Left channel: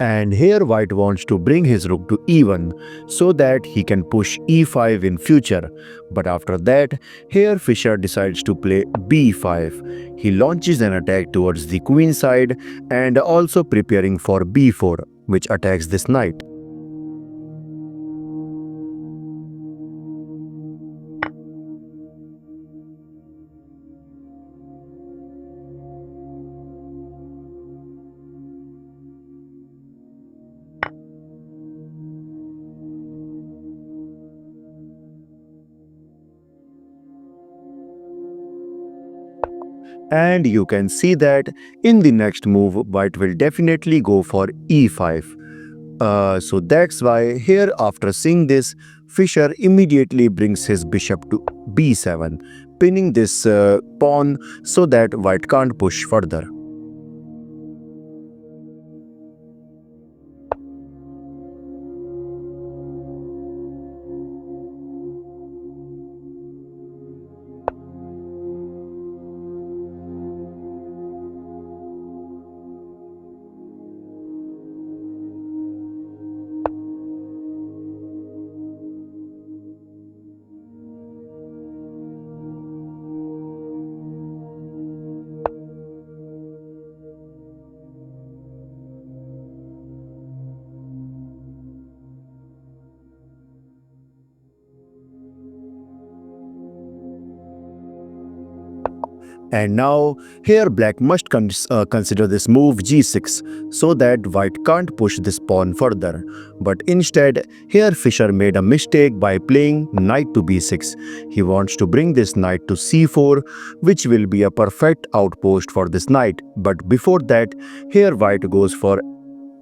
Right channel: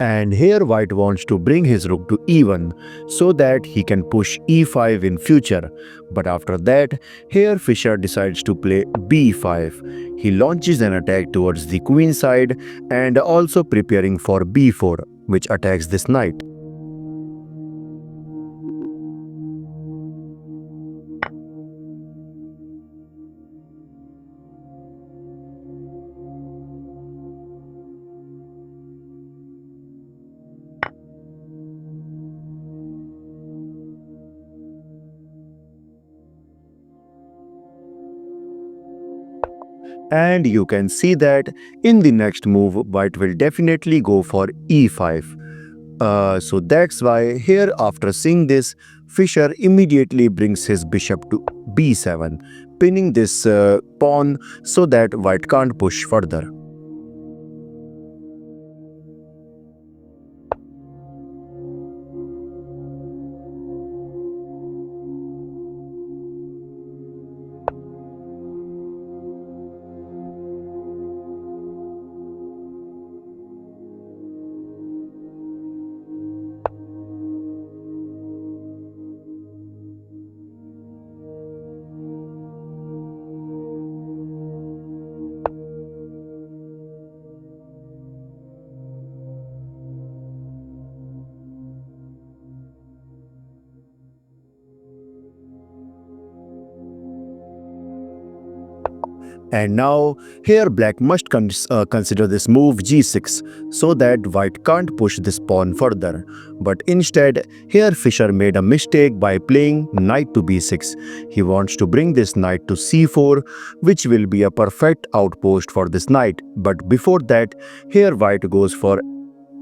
And here white wants to bring his rook to e1 so that he can push e5 in future. But after that, here Fischer decides to play b5. He launches an attack towards the queen side and also preparing for b4, which attacks this knight. And you can see that in the next move, white will definitely go for e5. So that's why here after seeing this, Fischer immediately brings his bishop to b7, pinning this pawn so that white can't push further. And now here black must consider this move g6 so that white can't push this pawn further. But instead, here Fischer made a mistake by playing knight to b6. He wants to bring this knight to c4, which will be a perfect outpost for this knight. But before that, here white goes for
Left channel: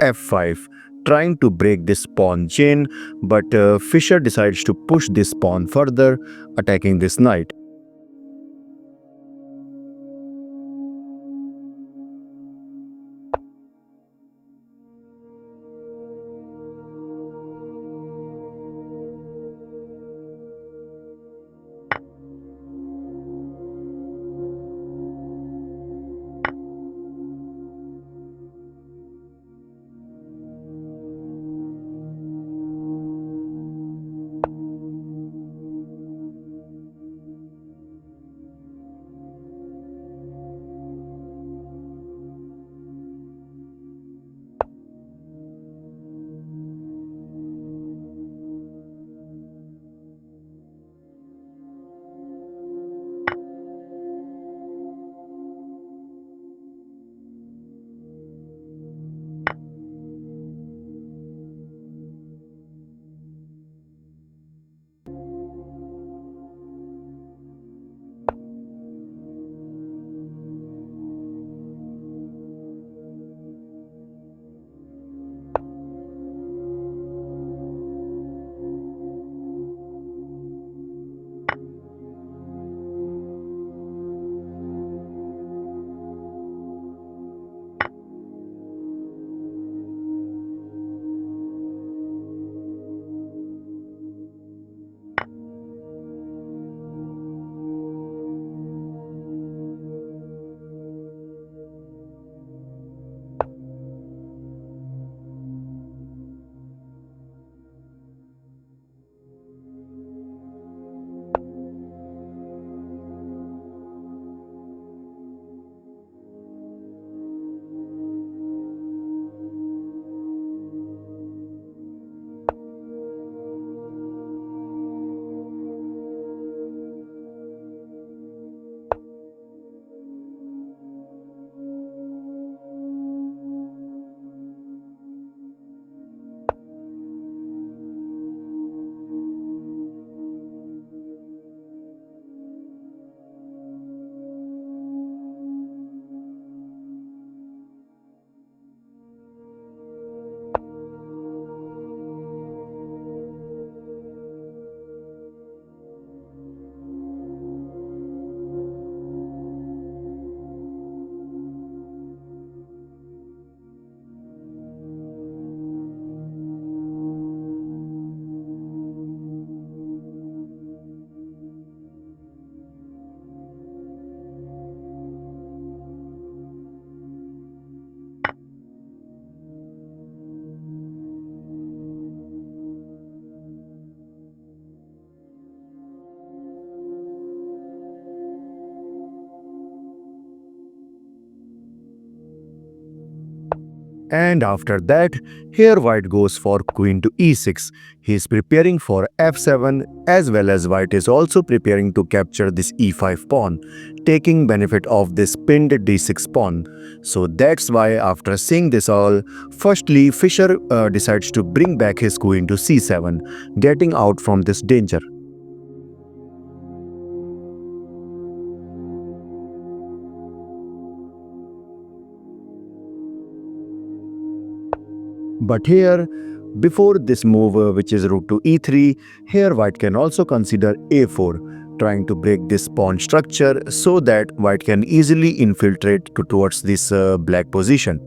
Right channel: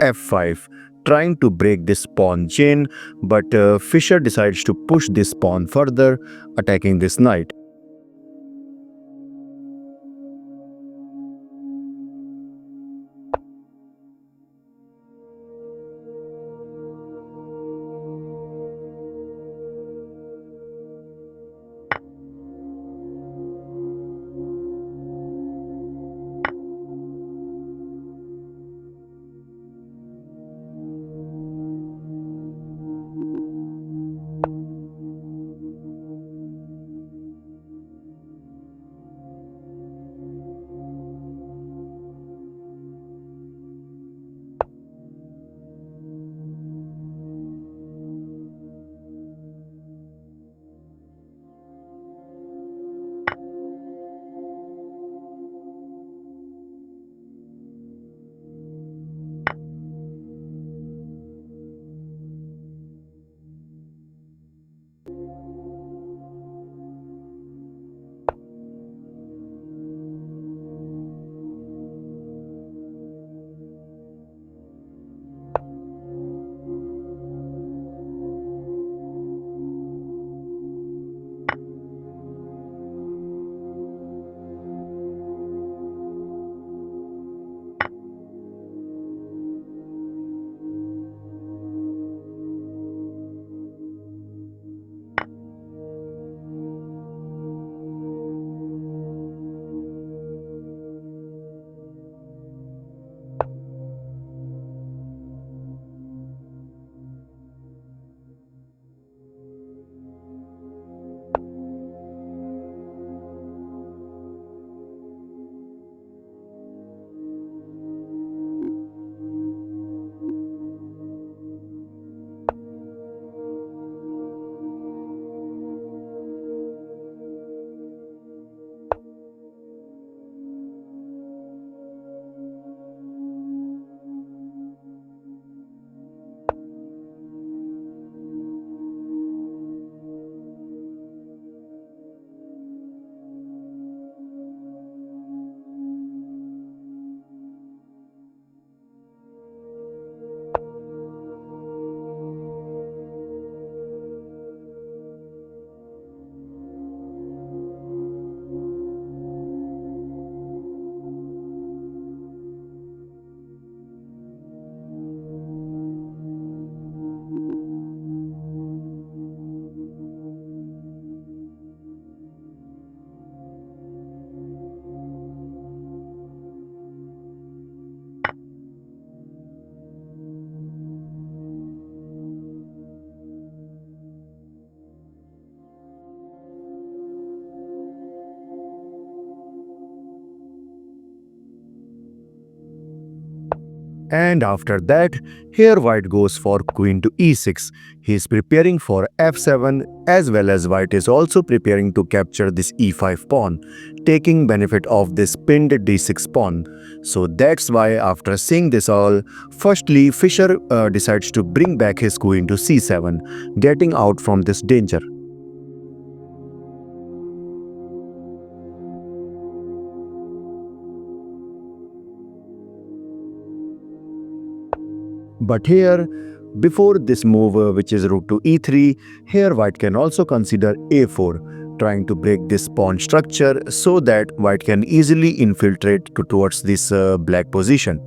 f5, trying to break this pawn chain, but Fischer decides to push this pawn further, attacking this knight. And after that, here white goes for queen to e6. He is preparing for f7 as well as white is also preparing to capture this e5 pawn, taking benefit of this pinned d6 pawn. So that's why after seeing this all, firstly Fischer decides to bring back his queen to c7, getting out from this danger. But here, before this move which is rook to e3, here white can also consider a4, trying to break this pawn structure so that white can easily infiltrate towards this black position.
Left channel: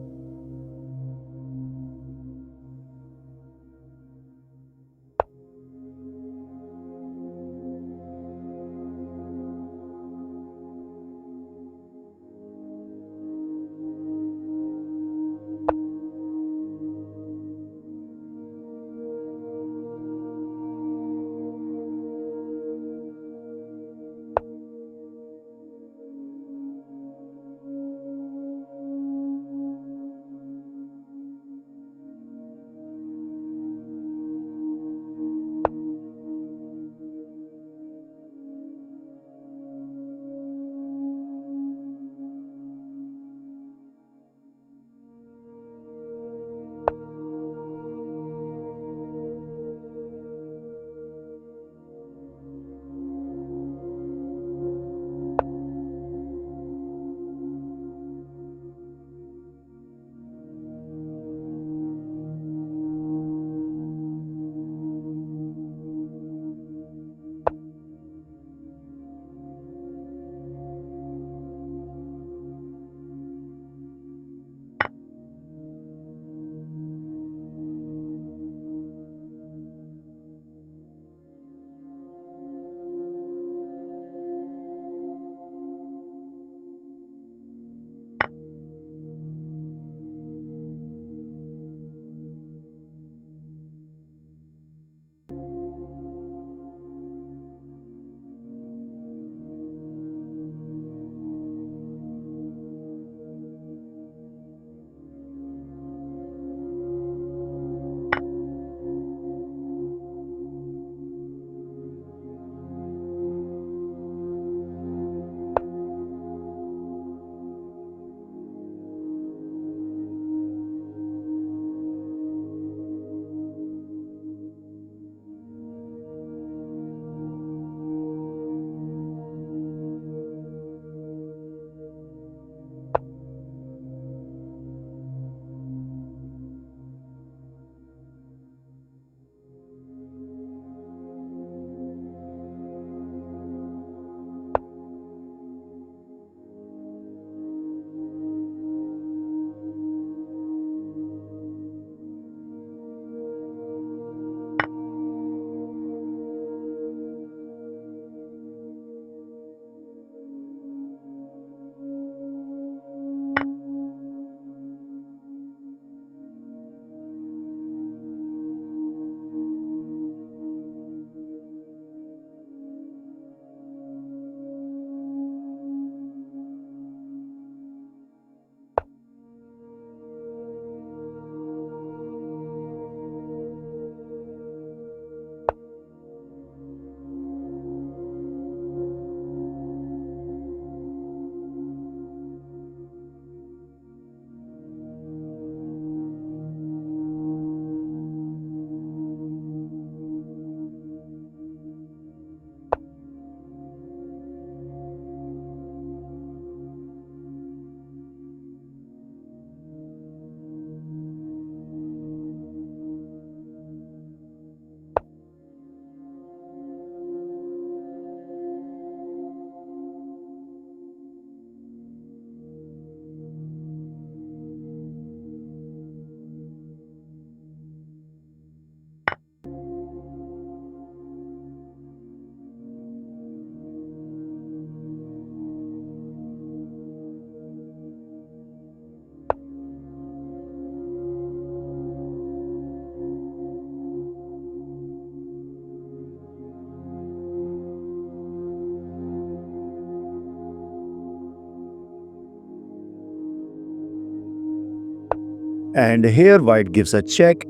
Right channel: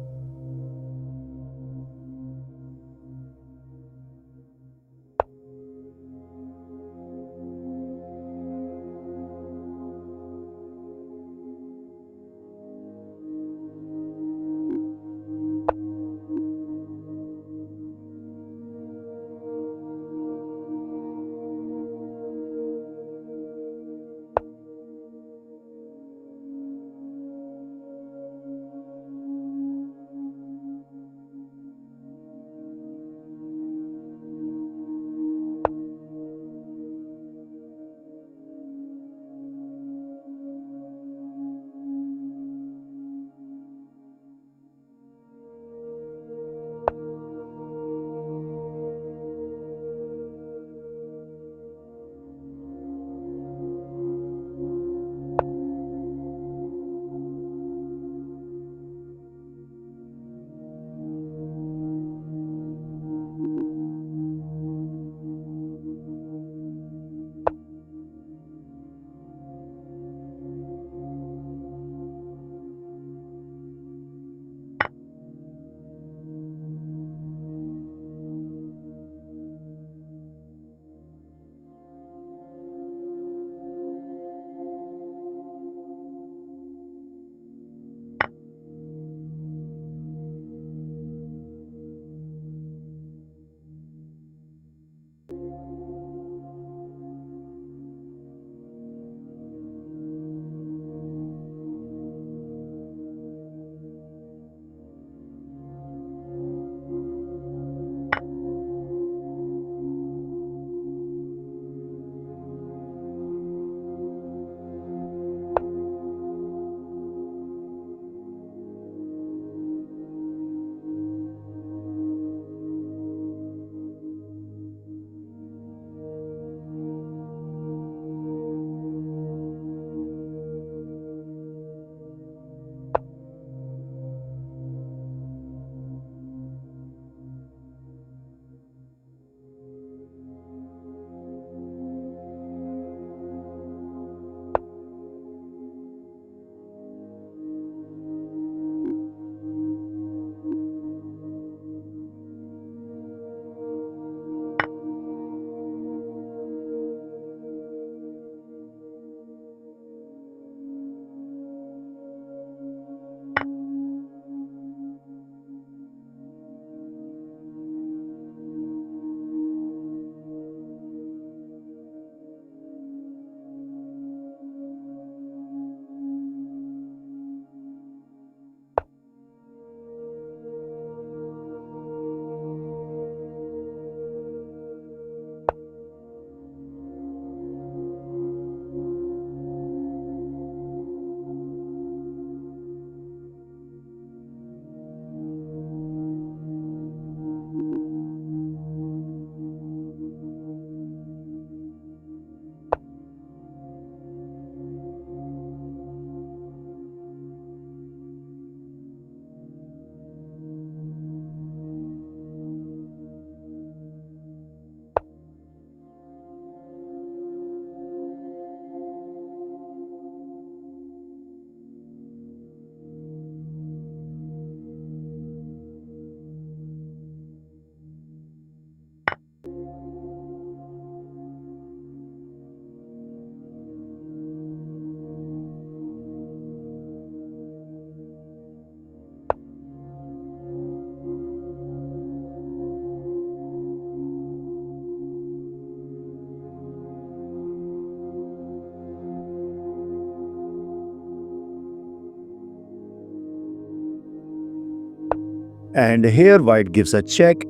And here white gives a check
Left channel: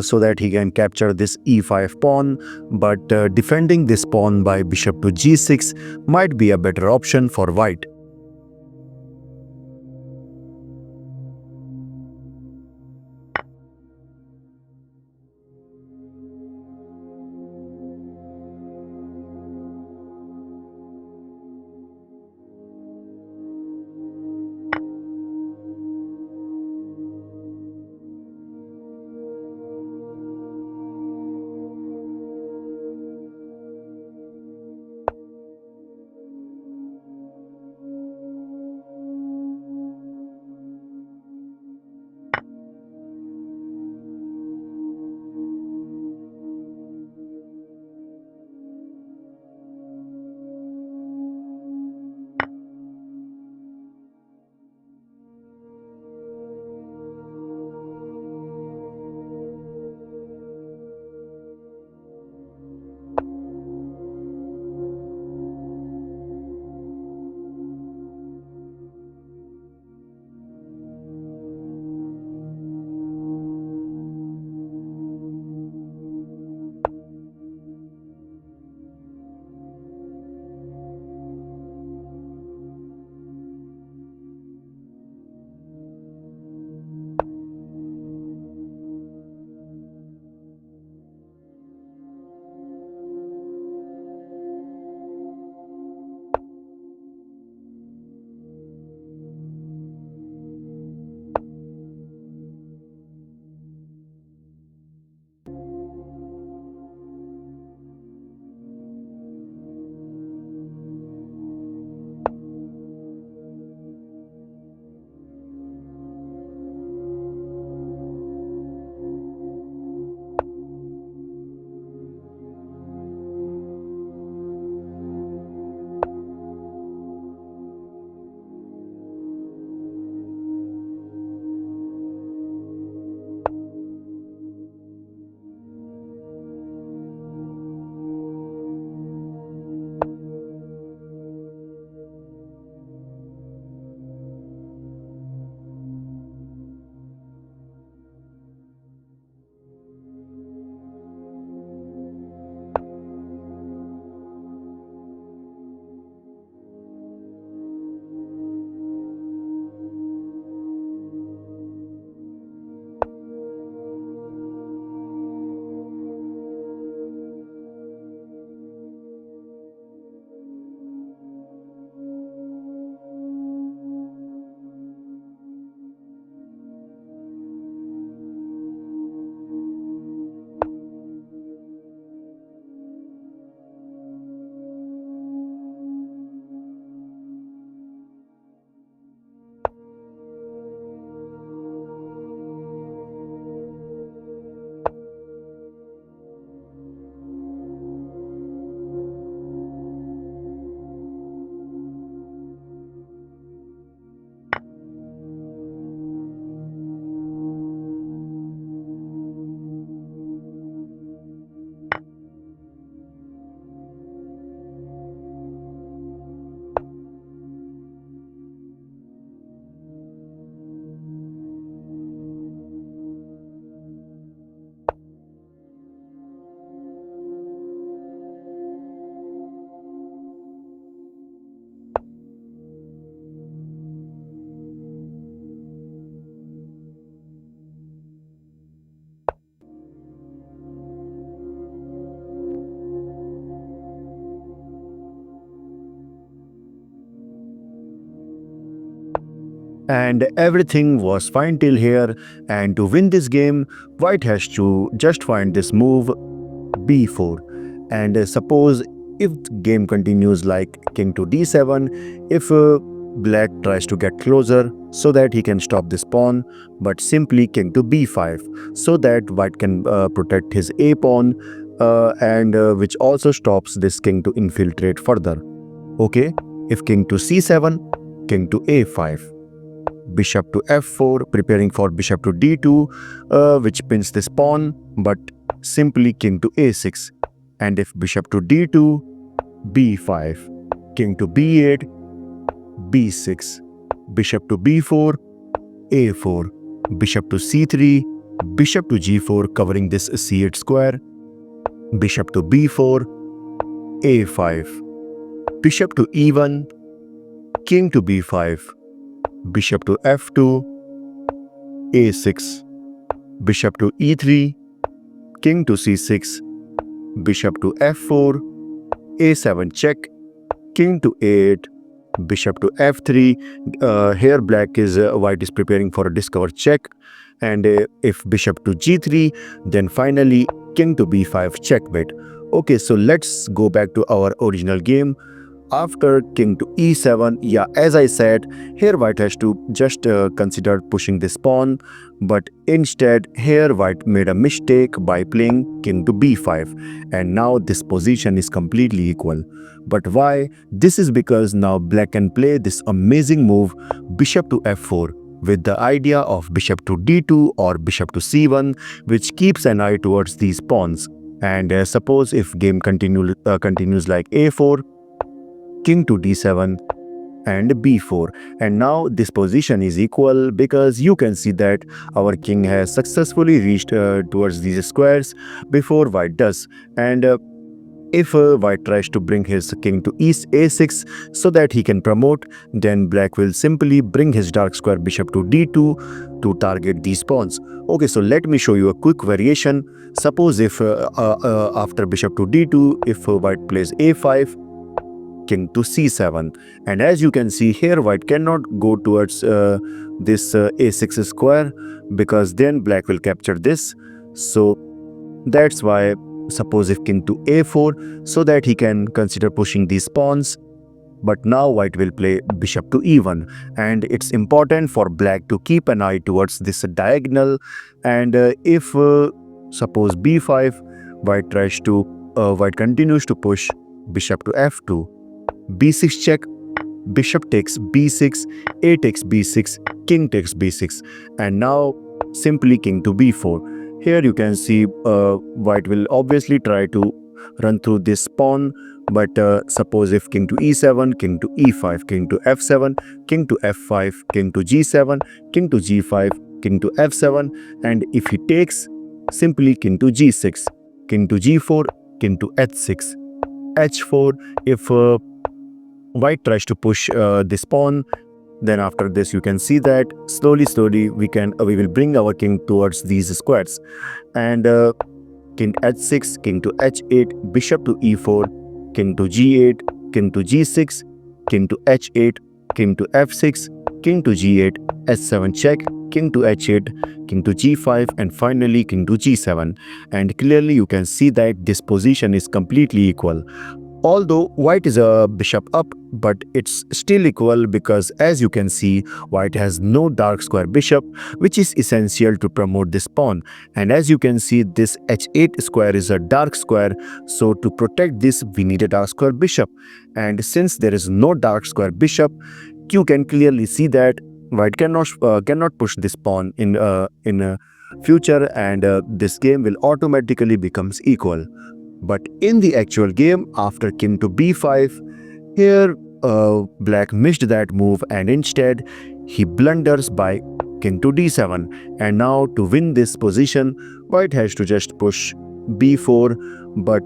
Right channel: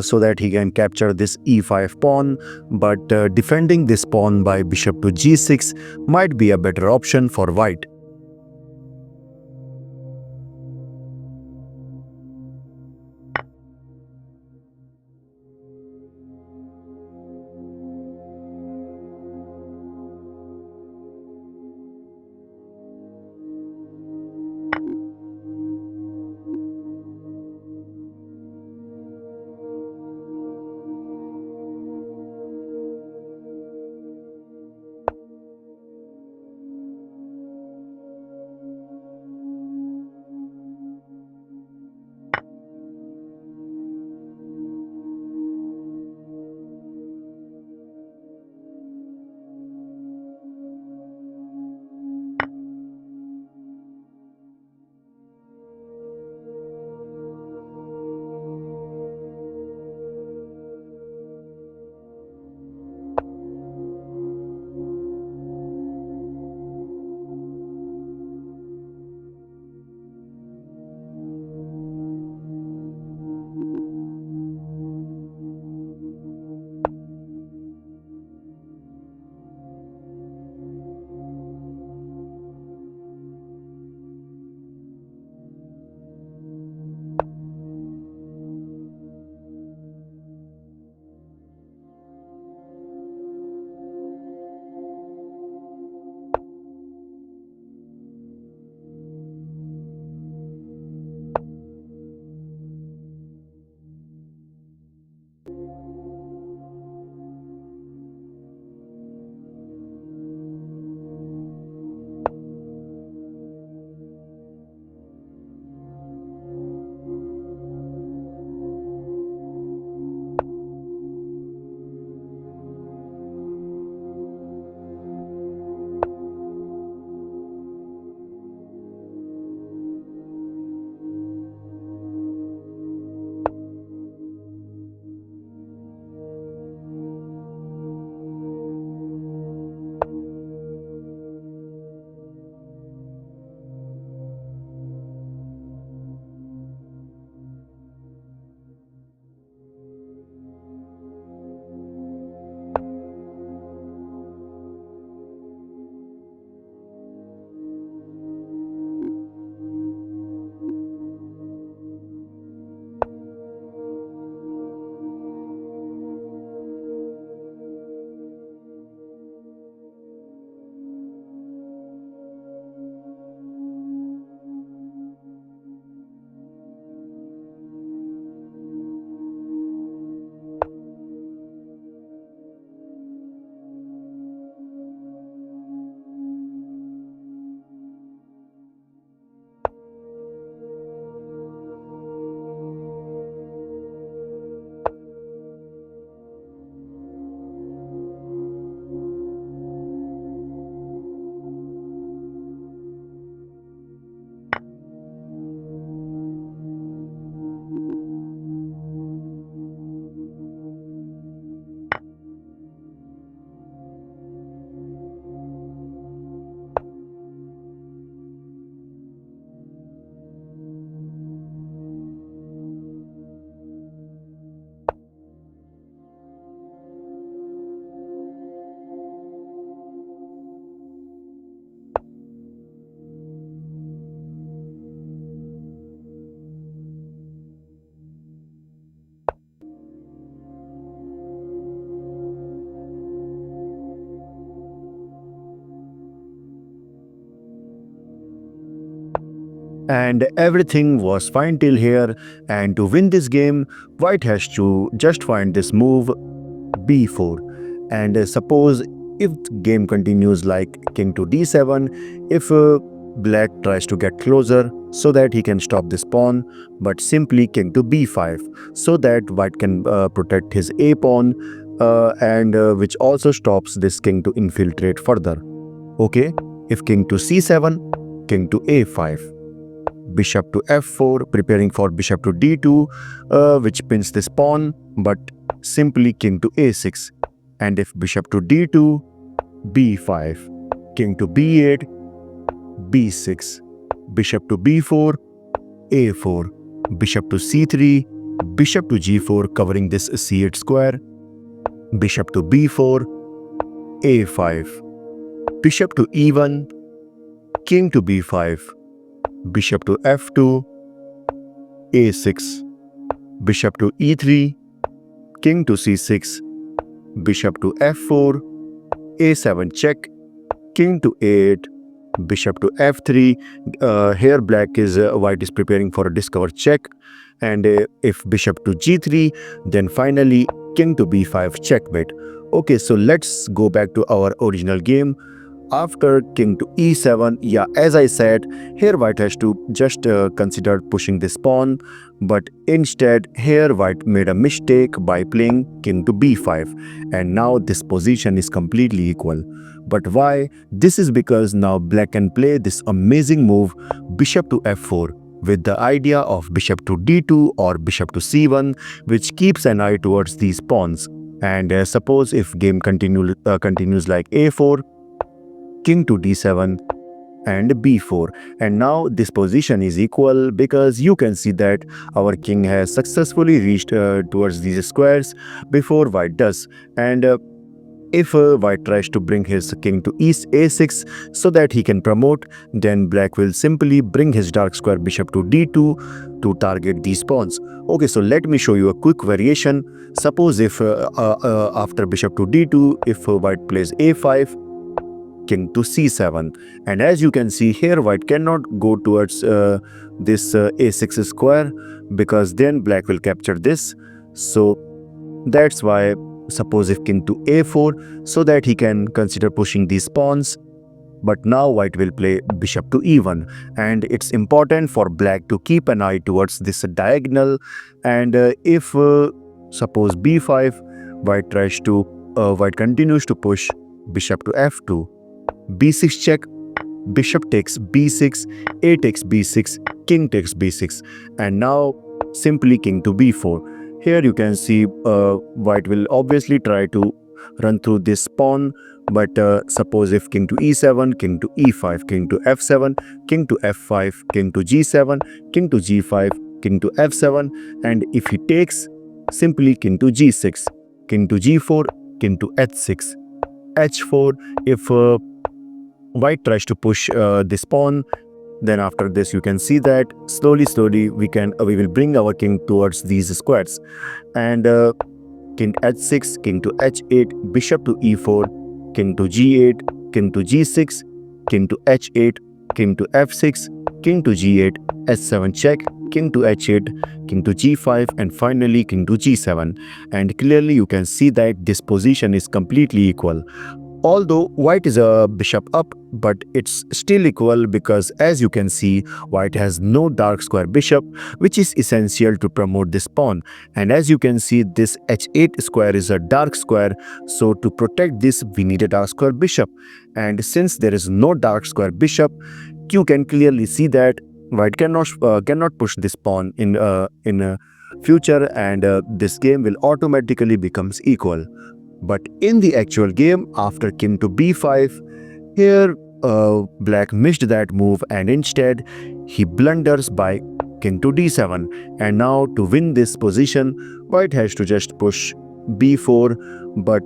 so that he can capture this e5 pawn, but defending this pawn by bishop to g6 might be a better option for white. And everything was fine till here, and to win this game white has to just find this move b4. And suppose if the game continues like king to d7, if black tries to get closer so that he can stop this pawn, but simply king to b5 so that white can protect his a pawn, and which also stops this king to infiltrate further. Okay, if king to c7, king to a5, bishop to f4, preparing for bishop to d2, which pins this pawn, but simply king to a6. And if bishop to d2, b5, king to b8, b6, bishop to b4, a4, bishop to c3, bishop to g4 covering this c8 square, bishop to b4, a5, bishop to e1, king to b5, bishop to f2, a6, bishop to e3, king to c6, bishop to f4, a7 check, king to a8, bishop to f3. Here white is preparing for a discover check, and if bishop to g3, then finally king to b5 checkmate. Okay, so let's go back to our original game. After king to e7, yeah, as I said, here white has to just consider pushing this pawn, but instead here white made a mistake by playing king to b5, and now this position is completely equal. But why? This is because now black can play this amazing move bishop to f4 with the idea of bishop to d2 or bishop to c1, which keeps an eye towards these pawns. And suppose if game continues like a4, king to d7 and b4, and now this position is equal because you can see that our king has successfully reached towards these squares before white does. And if white tries to bring his king to a6 so that he can promote, then black will simply bring his dark square bishop to d2 to target these pawns. Okay, so let me show you a quick variation. Suppose if after bishop to d2, if white plays a5, king to c7, and as you can see here, white cannot go towards this a6 square because then black will capture this. So that's why, suppose if king to a4, so that he can consider pushing these pawns. But now white will play bishop to e1, and it's important for black to keep an eye towards this diagonal. And if suppose b5, white continues to push bishop to f2, b6 check, bishop takes b6, a takes b6, king takes b6, and now simply king to b4. Here you can see white will obviously try to run through this pawn, but suppose if king to e7, king to e5, king to f7, king to f5, king to g7, king to g5, king to f7, and if he takes, simply king to g6, king to g4, king to h6, h4. If white tries to push this pawn, then after this you can see that slowly we will bring our king towards these squares. And king h6, king to h8, bishop to e4, king to g8, king to g6, king to h8, king to f6, king to g8, h7 check, king to h8, king to g5, and finally king to g7. And clearly you can see that this position is completely equal. Although white is a bishop up, but it's still equal because, as you can see, white has no dark square bishop, which is essential to promote this pawn. And as you can see, this h8 square is a dark square, so to protect this we need a dark square bishop. And since there is no dark square bishop, you can clearly see that white cannot push this pawn in future, and this game will automatically becomes equal. But in the actual game, after king to b5, here black missed that move, and instead he blunders by king to d7. And now to win this position, white has to just push b4, but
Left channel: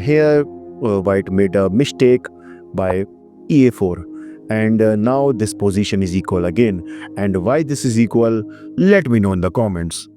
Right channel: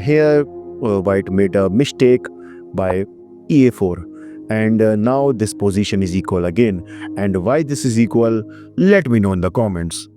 here white made a mistake by a4. And now this position is equal again. And why this is equal, let me know in the comments.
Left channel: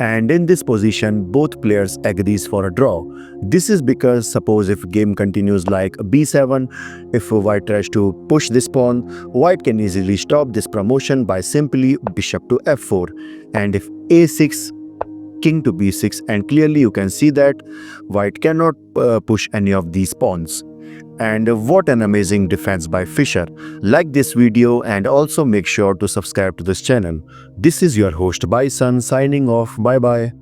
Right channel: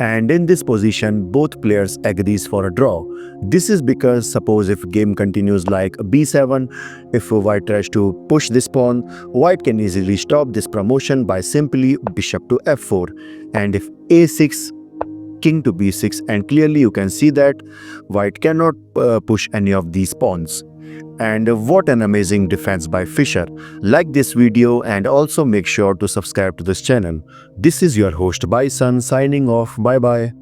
And in this position, both players agrees for a draw. This is because suppose if game continues like b7, if white tries to push this pawn, white can easily stop this promotion by simply bishop to f4. And if a6, king to b6, and clearly you can see that white cannot push any of these pawns. And what an amazing defense by Fischer. Like this video and also make sure to subscribe to this channel. This is your host Bison signing off. Bye bye.